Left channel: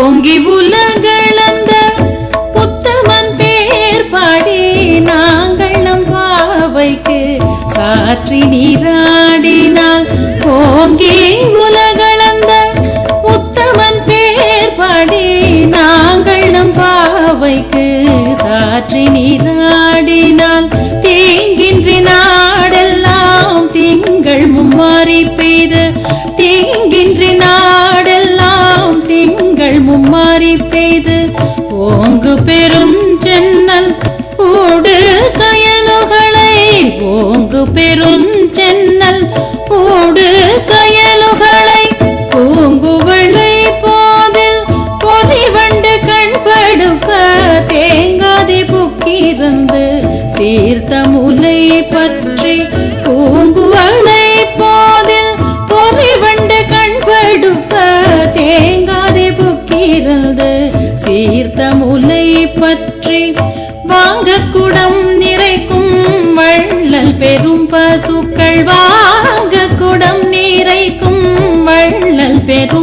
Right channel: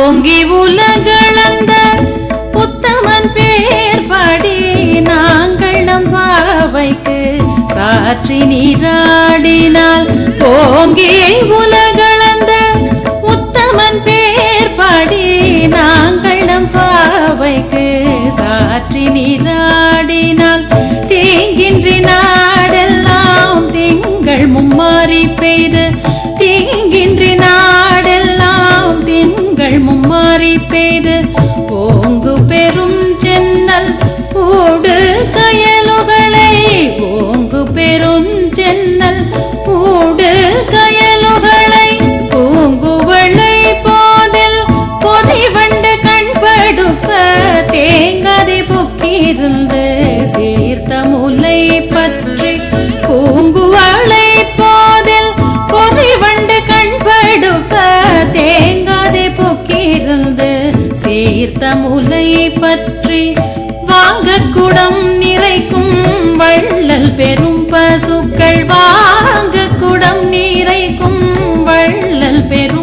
ஓங்கி உலகளந்த புத்தவன் பேர் பாடி நாங்கள் நம் பாவைக்கு சாற்றி நீராடினால் ஓங்கி உலகளந்த உத்தமன் பேர் பாடி நாங்கள் நம் பாவைக்கு சாற்றி நீராடினால் தீங்கின்றி நாடெல்லாம் திங்கள் மும்மாறி பெய்த தீங்கின்றி நாடெல்லாம் திங்கள் மும்மாறி பெய்து ஓங்கு பெரும் சென்னல் ஊடு கயலுகளை ஓங்கு பெரும் சென்னல் ஊடு கயலுகளை பூங்குவளை போதில் பொறிவண்டு கண்படுக்க தேங்காதி புக்கிருந்து சீர்த்த முலை பற்றி பூங்குவளை போதில் பொறிவண்டு கண்படுக்க தேங்காதி புக்கிருந்து சீர்த்த முலை பற்றி வாங்கு குடம் நிறைக்கும் வள்ளல் பெரும் பசுக்கள் வாங்கு குடம் நிறைக்கும் வள்ளல் பெரும்